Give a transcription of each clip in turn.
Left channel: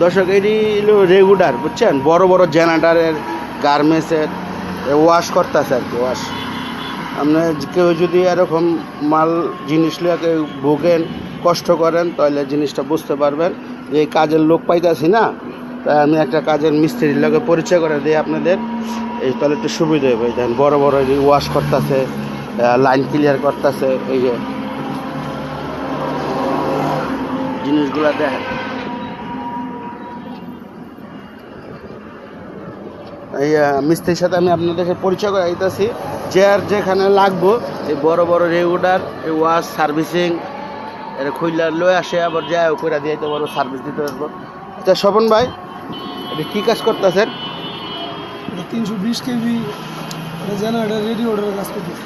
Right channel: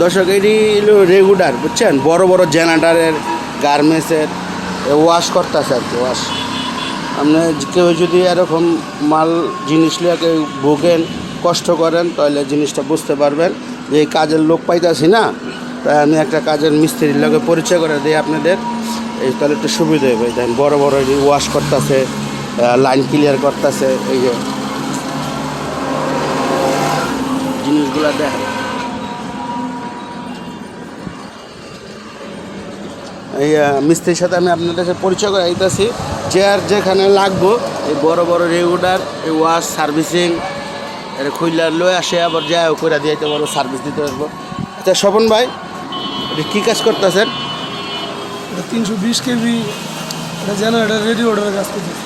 দর্শক এটি হলো রেগুলার বুঝছেন, বড় বড় জেনারেটারের গার্মেন্টসের ওয়াশ করতেছে আর কি। ওয়াশ আপনি কেউ যদি এরকম মাল জিনিস নিয়ে কেউ ভোগেন, কষ্ট করেন, তাহলে জিনিসটা বুঝতে পারবেন যে এই কাজের লোক পাইতেছি না, তাই আমি একটা কাজের মিস্ত্রির লোকে পরিচয় করে দিই আপনাদের, এই তাহলে একটু সুবিধা হবে। বড় বড় ওয়াশ করতেছে, লাইন ক্লিয়ার করতেছে, এই যে জিনিসগুলো দেখ। এই মিস্ত্রির সাথে আমি আপনাদের পরিচয় করে দিতেছি, যে আর যেখানে লাগবো এই বড় বড় রেগুলার এই ওয়াশ সার্ভিসিং এর খুললার লয়ে আসে, আবার যায় করে দিয়ে বড় সার্ভিস দিতে আসবো। আচ্ছা স্বপন ভাই, এটা কী কাজ করতেছেন? 320 কেবি জেনারেটর রেডিওটার কাজ করতেছে।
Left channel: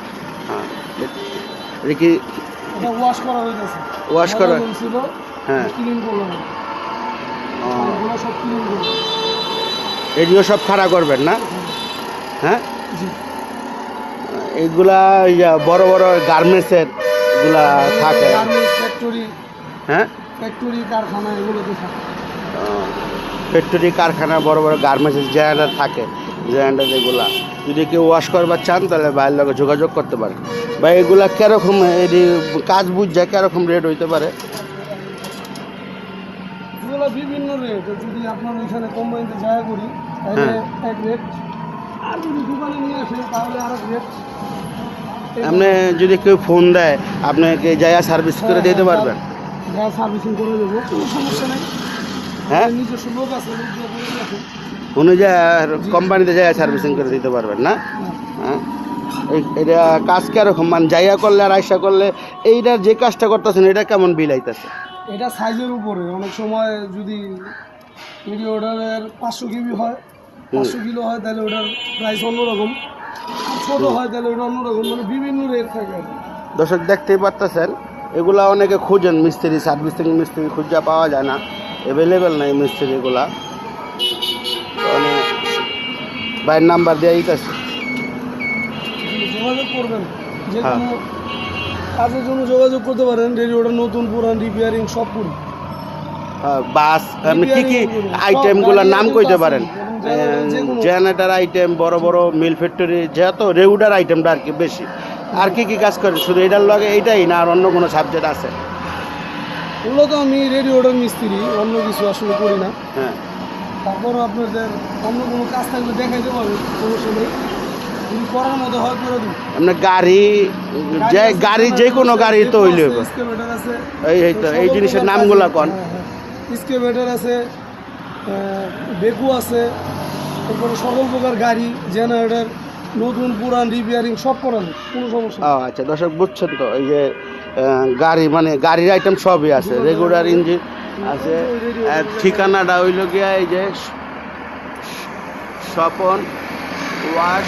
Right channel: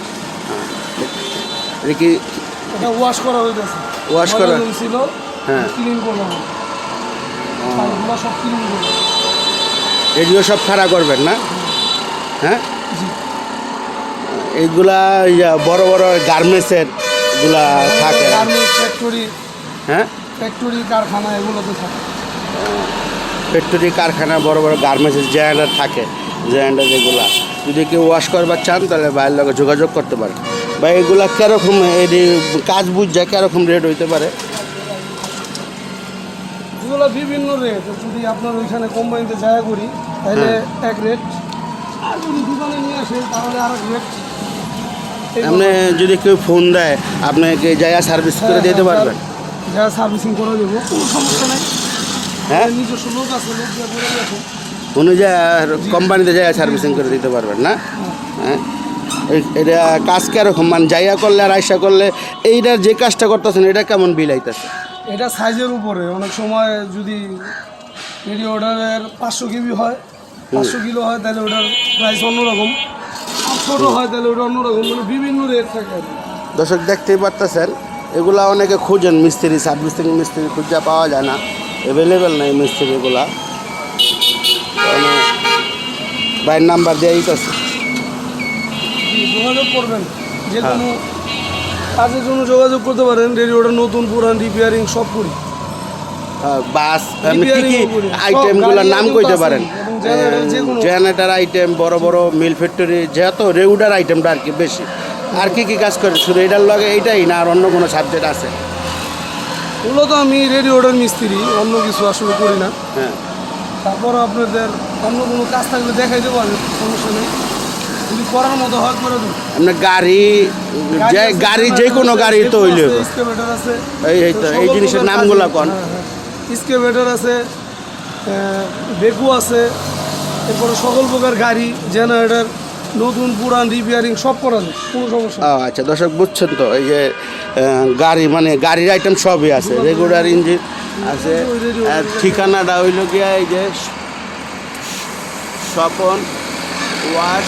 এটা কি এটা ওয়াশ করা হইতেছে? ওয়াশ করা ছিল, হ্যাঁ, ক্লিন করলাম, এগুলো সব ক্লিন করব। এগুলো সব খাড়া করবেন না? হ্যাঁ, এইগুলা বড় বড় গার্মেন্টসের গুলা থাকে, ফ্যাক্টরি, হ্যাঁ ফ্যাক্টরি কারখানা এগুলোতে থাকে। ফ্যাক্টরি কারখানা বড় বড় গার্মেন্টসের জেনারেটর থাকে, জেনারেটর যেগুলা যদি কেউ ওয়াশ করবার চান তাহলে ভাইয়ের লগে যোগাযোগ করতে পারে। ভাই এগুলা কীরকম কাজ বুঝ যায়, কীরকম রেট হইতে পারে? এগুলো বিভিন্ন রেট, যদি আপনার ওইখানে কোম্পানিতে জায়গা করি তাহলে এক রেট, আর যদি দোকানে নিয়ে আসে তাহলে আর এক রেট। আপনি যদি কেউ ফোন দেয় আপনাকে জায়গা সার্ভিস করে দিতে পারবেন? জায়গা সার্ভিসিং করে দেবো, কোনো সমস্যা নেই। হ্যাঁ, নিজস্ব লোক আছে, লোক দিয়ে করে দিয়েছে। অনুযায়ী কোম্পানিতে জায়গা সার্ভিসিং করে দিতে পারবেন না? হ্যাঁ, এটা কাজ কীরকম, মানে জায়গা করলে আর আয়সা করলে এইটার যে কাজটা করতেছেন এটা কেমন বিল আইতেছে? এটা সাইজের উপরে, অনেক সময় যদি রেডিওটারের 500 কেবি হয়, 500 কিলো হয়, তাহলে ওটার প্রাইস অন্যরকম, আর ছোটো হয় তাহলে ওটা অন্যরকম, মানে বিভিন্ন রেট থাকে। দর্শক দেখতেই পারতেছেন, এগুলা অনেকে খুঁজেন মিস্ত্রি, সার্ভিসিং মিস্ত্রি খুঁজা পাওয়া যায় না, অ্যাভেলেবেল নেই মিস্ত্রিগুলা। ভাইয়ের নাম্বার দিয়ে দিতেছে, যোগাযোগ করবেন, যে কোনো কাজের জন্য যোগাযোগ করতে পারেন। রেডিওটা নতুন পুরান রিপেয়ারিং সব করি। বাস কি কি আইটেমগুলোর নাম কইতে পারেন? জেনারেটর আইটেম, বড় বড় মিল ফ্যাক্টরি, যেহেতু রেগুলার আইটেমটা আর কি বেশি। আর কি কি কাজ করেন? শুধু এটার লগে এইটাই না আর অন্য কোনো সাবজেক্ট আছে? মূলত আমি রেডিওটার মিস্ত্রি, অন্য কিছু আসলে করি না। হ্যাঁ, তারপর আপনাদের অন্য কোনো কাজ থাকলে দেখাইতে পারেন, সমস্যা নেই, যদি করার মতো হয় করে দিন। আপনার গাড়ি যে কোনো গাড়ি তো হইলে স্কেভেটার আছে, এই তো এই জিনিসের নামগুলো কোন? স্কেভেটার আছে, বেকু আছে, এরপরে সকল প্রকার গাড়ি, জেনারেটর, নতুন পুরান রিপেয়ারিং সব করা যায়, কোনো সমস্যা। ও আচ্ছা, দর্শক বুঝছেন তো, এই যে গাড়ি মানে গাড়ির আইটেম সবই আছে, রেগুলার ইঞ্জিন আছে। ঠিকানাটা হইল গিয়া এই যে স্বপন ওয়াশ,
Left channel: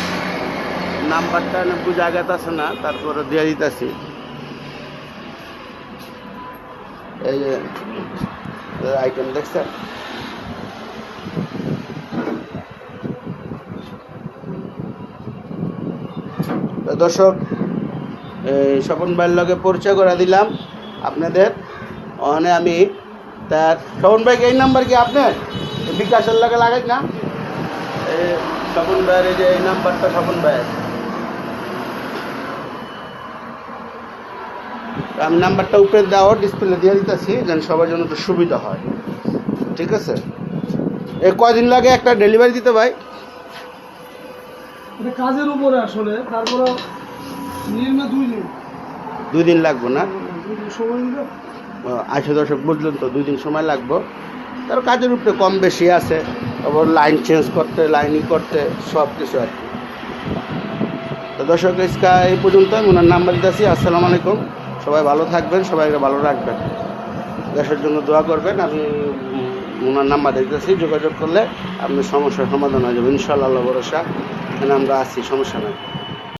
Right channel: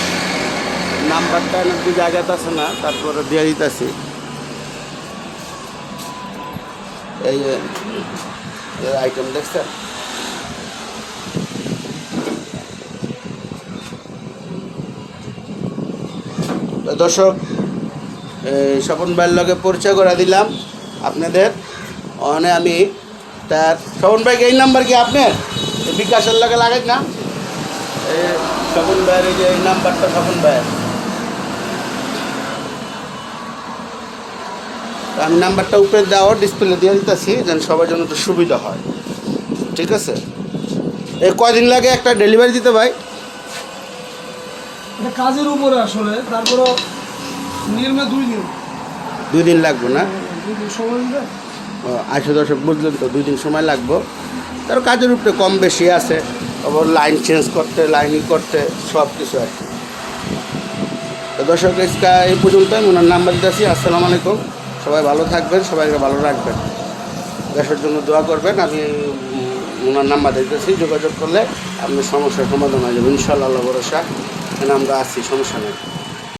নাম্বারটা নাকি জায়গাতে আছে না, তারপরে দিয়ে দিতেছি। এই যে আইটেম দেখছেন, দর্শক এই স্বপন ভাইয়ের লগে পরিচয় করে দিলাম আপনাদের। অনে আমি তার স্বপন ভাইকে এই নাম্বার কি আপনার বিকাশের লগে লাগাই না? স্বপন ভাইয়ের এই যে এই নাম্বারটা, স্বপন ভাইয়ের আমি নাম্বারটা উপরে দেওয়া ডিসপ্লে দিয়ে দিতেছি, যেন সবার জন্য একটু সুবিধা হয়। ঠিক আছে, কয়দিন লাগে একটা ডেলিভারি দিতে ভাই? এটা কাজের উপরে আসলে, তারপরও নির্মে 2 দিন। 2 দিন লাগবে না? 2 দিন সময় দিলে। আচ্ছা দর্শক বুঝলেন তো, 2 দিন সময় লাগবে। তার কাজের উপরে কম বেশি আছে, তারপর লাইন চেঞ্জ করতে, লাইনিং করতে, সব কিছু আর কি। তো দর্শক আজকে এই পর্যন্ত ওনার নাম্বার দিতেছি। আসসালামু আলাইকুম, সবাই ভালো থাকবেন, সবাইকে ভালো রাখবেন, দেশের জন্য দোয়া করবেন। আমি ওনার নাম্বার দিতেছি, যোগাযোগ করলে আপনার সমস্যার সমাধান হয়ে যাবে ইনশাআল্লাহ, ভরসা। আমরা আছি, সমস্যা নেই।